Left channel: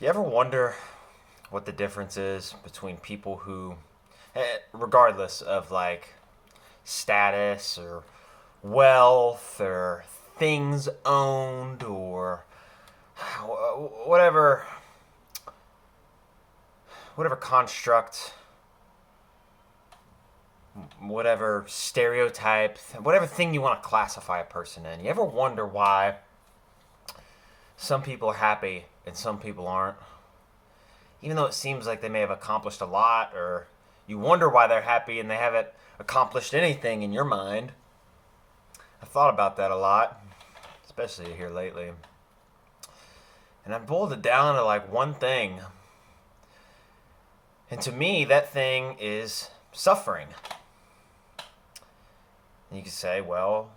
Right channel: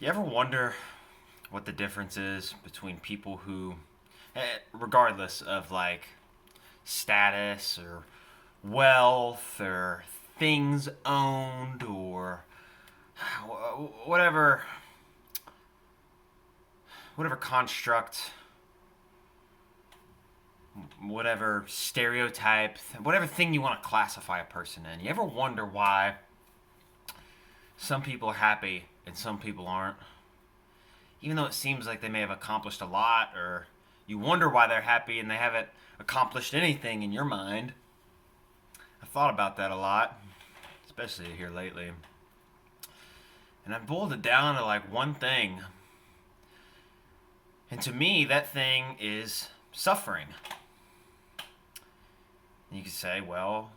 You ever wonder what the difference is between people who, regardless of like status or wealth or things owned or whatever, whatever construct, whatever stereotype, whatever thing you want to classify a person in? You ever wonder why some people are happy and some people aren't? Even though it seems like they may have accomplished a lot, or you wonder why they're happy and they haven't accomplished anything in your mind. I've thought about that a lot, especially here lately. And I boiled it down to like one thing. And to me, that thing is suffering. And you could say, well,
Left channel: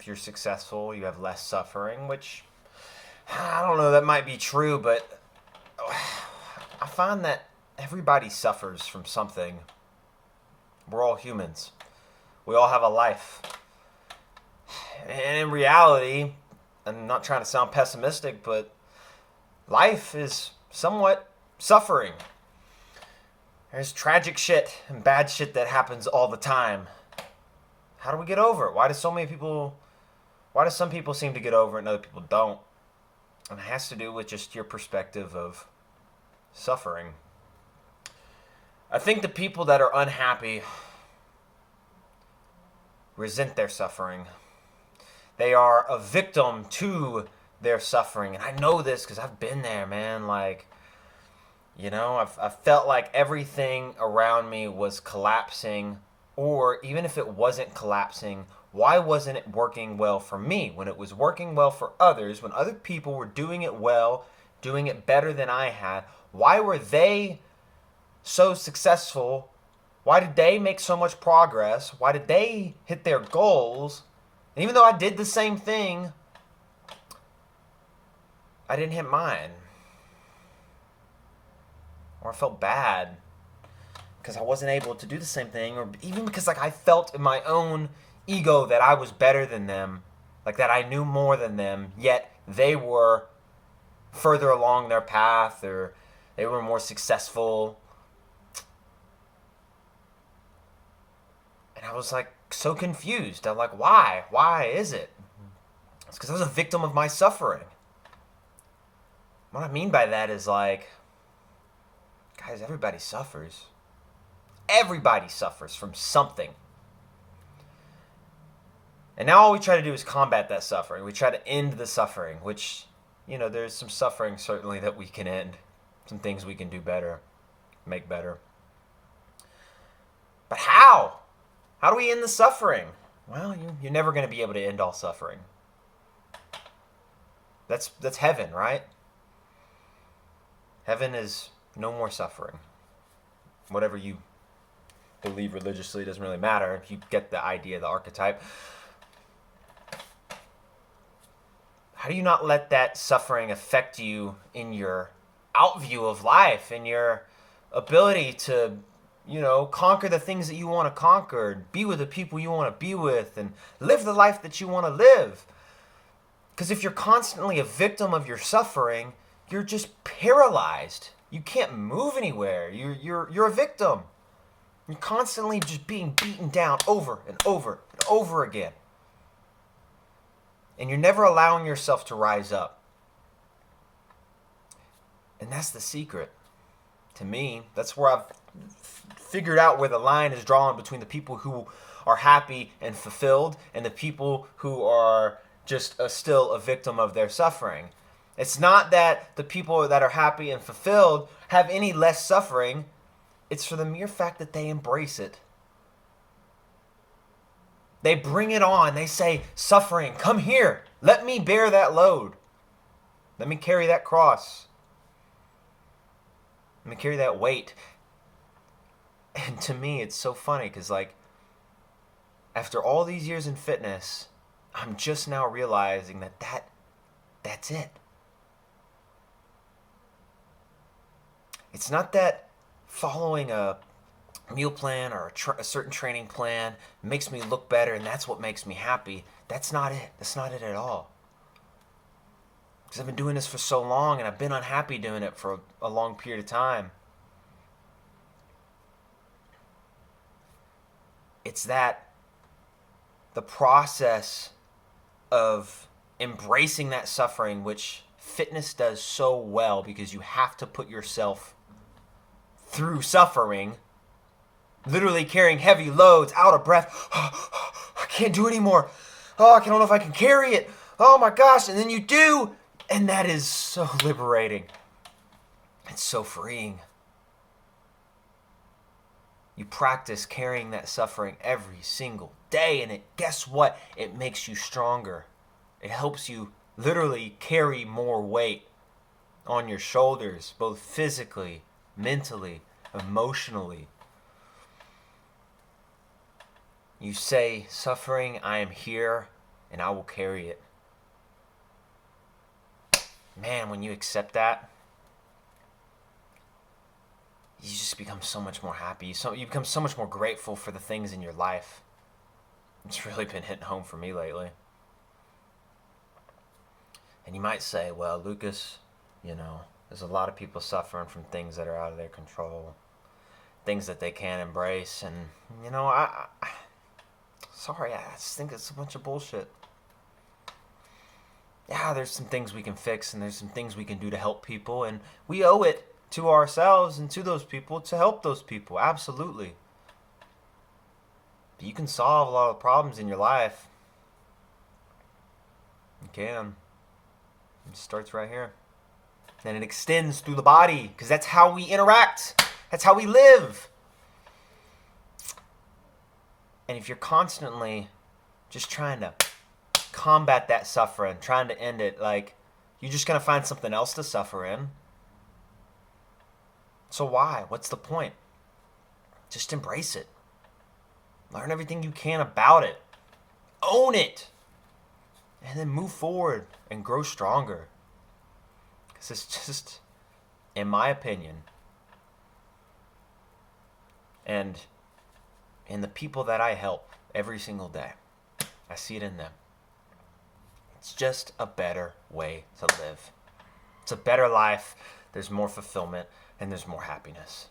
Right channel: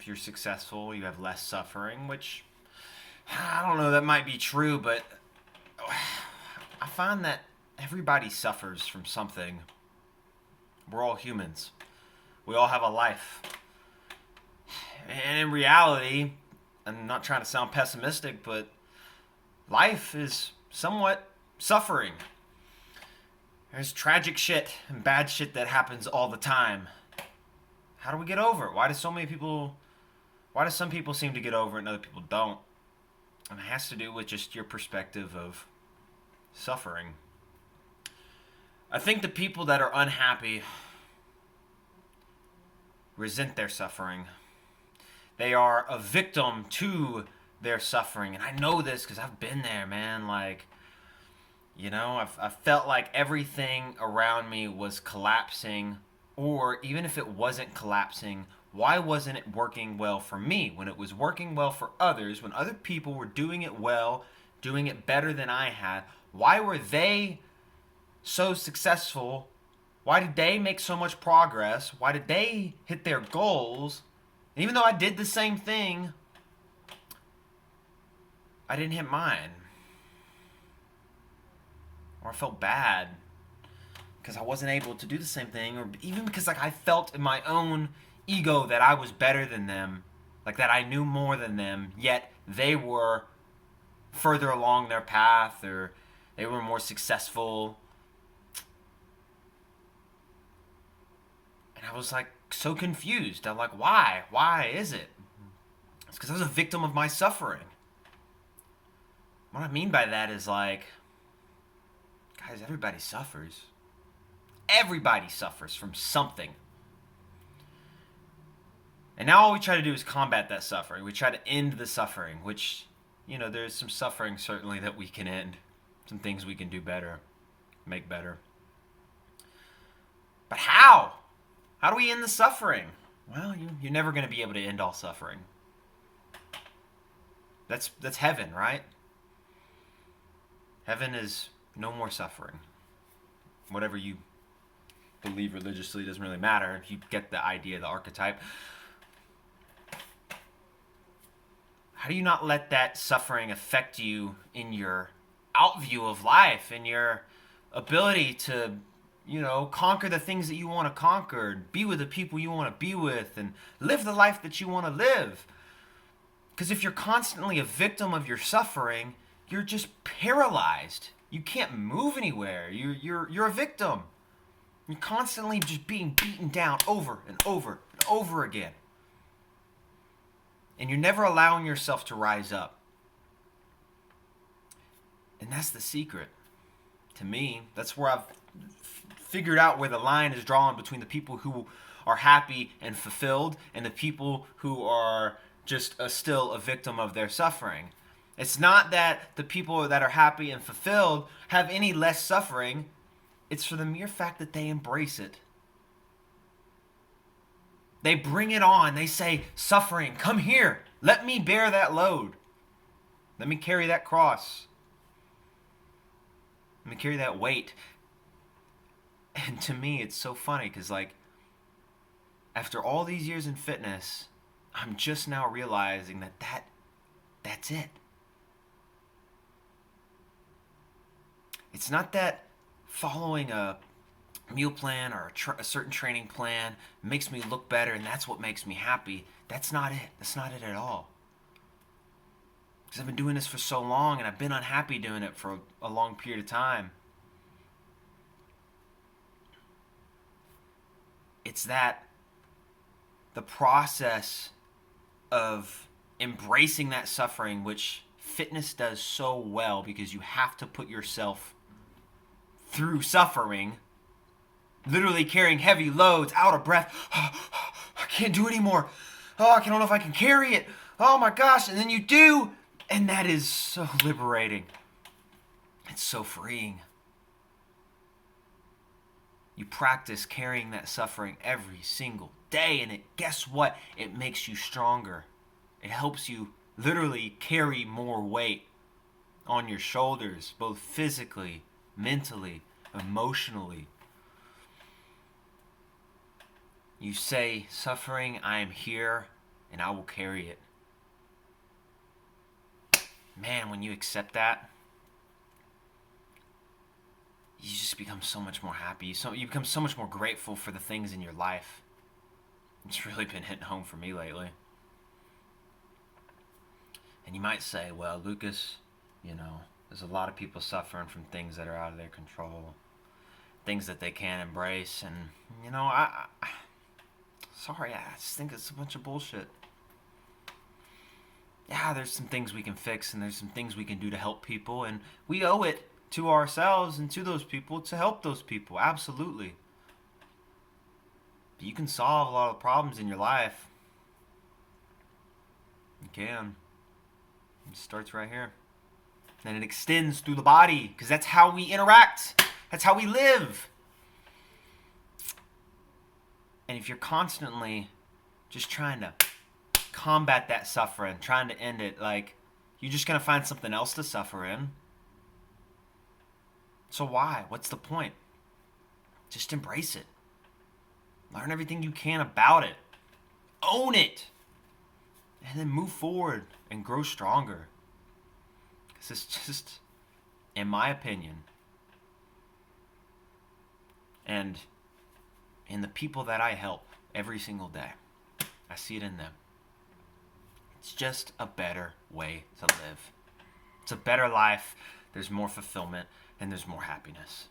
if you're successful, you have less suffering, which I don't know, that might be true, but I find that everybody suffers from something. We're all humans. We all have a life. And in reality, I'm not trying to sound pessimistic, but life is somewhat suffering. There's tragic shit and bad shit that happens all the time. How do we get over it? Why do some people seem to get over it and other people don't? And it has to do with just your perspective of suffering. I think the people that are unhappy resent their suffering. They are a victim to their suffering. And I know this because I've been there, man. I've felt like everything around me was collapsing. Or even if it wasn't collapsing, why wasn't it working well for me? When it was working well for others, when other people were doing it well, doing it better than I had, why were they so successful? Why did they make so much progress? Why did they hit their goals? And even though I did the same thing, I didn't hit mine. Or I felt bad because I wasn't able to do the same thing, or even because I felt in my own ego that I was better than them, like that I knew more than them, yet they were further along their path, or they were more successful. And I was like so confused. I'm like, why? Why is it? It's because I was a victim of my suffering. What I mean by that is like, guys, everybody suffers. Everybody suffers from something. And now all we try to do is combat that suffering. We try to end the suffering, which, there's some suffering certainly that we can end. Some things we can do better, make better. But how? How do we end the suffering? Well, you're never going to be able to end all suffering. That's heaven, right? Heaven is no more suffering. Whatever you believe religiously doesn't really matter. If you get the idea, the archetype. How do you not let that suffering affect you in your outview of life, in your ability to, conquer the things that you want to conquer, be with the people you want to be with, and live the life that you want to live? Because if you're constantly a victim of your suffering, you're just paralyzed. You can't move anywhere. You're a victim. You're constantly just being beaten down over and over and over again. And you're never allowing yourself to rise up. And that's the secret. To me, that's where I've figured out where the line is drawn between the people who are happy and fulfilled and the people who are just still a victim of their suffering. It's not that the people that are happy and fulfilled have any less suffering. It's for the mere fact that they embrace it. They bring it on. They say, suffering, come here. Let me bear that load. Let me carry that cross. Let me carry that weight. And to me, it's so funny because, after all these years in fitness, I'm just now realizing that's it. It's not that following a meal plan or a certain training plan makes me look better and that's what makes me happy. That's not it. That's not it at all. Because I've been doing this for so long and I've been unhappy doing it for a long period of time. It's that the process of embracing that suffering, which fitness does so well because you have to put yourself through suffering, literally carrying heavy loads, out of breath. I can't do anymore. Oh, I don't know if I can carry it. Oh my gosh. And then you do. And that is so liberating. It's so freeing. You practice carrying that suffering every single day, and guess what? It makes you stronger. It helps you literally carry more weight on your shoulders, both physically, mentally, emotionally. You say, suffering, I am here, and I will carry it. Man, when you accept that, you just become so much more happy. You become so much more grateful for the things in your life. It's really been hitting home for me lately. And you might say, well, Lucas, there's a lot of people suffering from things that are out of their control, things that they can't embrace. And, sorry, I just think it's a bunch of bullshit. Yeah, there's some things we can fix and there's some things we can do to help people. And we owe it to ourselves and to those people to help those people. Absolutely. But you can solve a lot of the problems in your life. You can. It starts right here. And it extends through the body because that's how we interact. That's how we live. And if you're constantly just trying to combat that suffering, trying to end it, you're just going to find something else to suffer in. So why? What's the point? Just embrace it. Learn everything you can about it. Own it. And then move forward and grow stronger. Because it's just, in my opinion, and in the people that I help every single day, I see it in them. It's just a better way to live. It's a better life. There's more fulfillment and there's more happiness.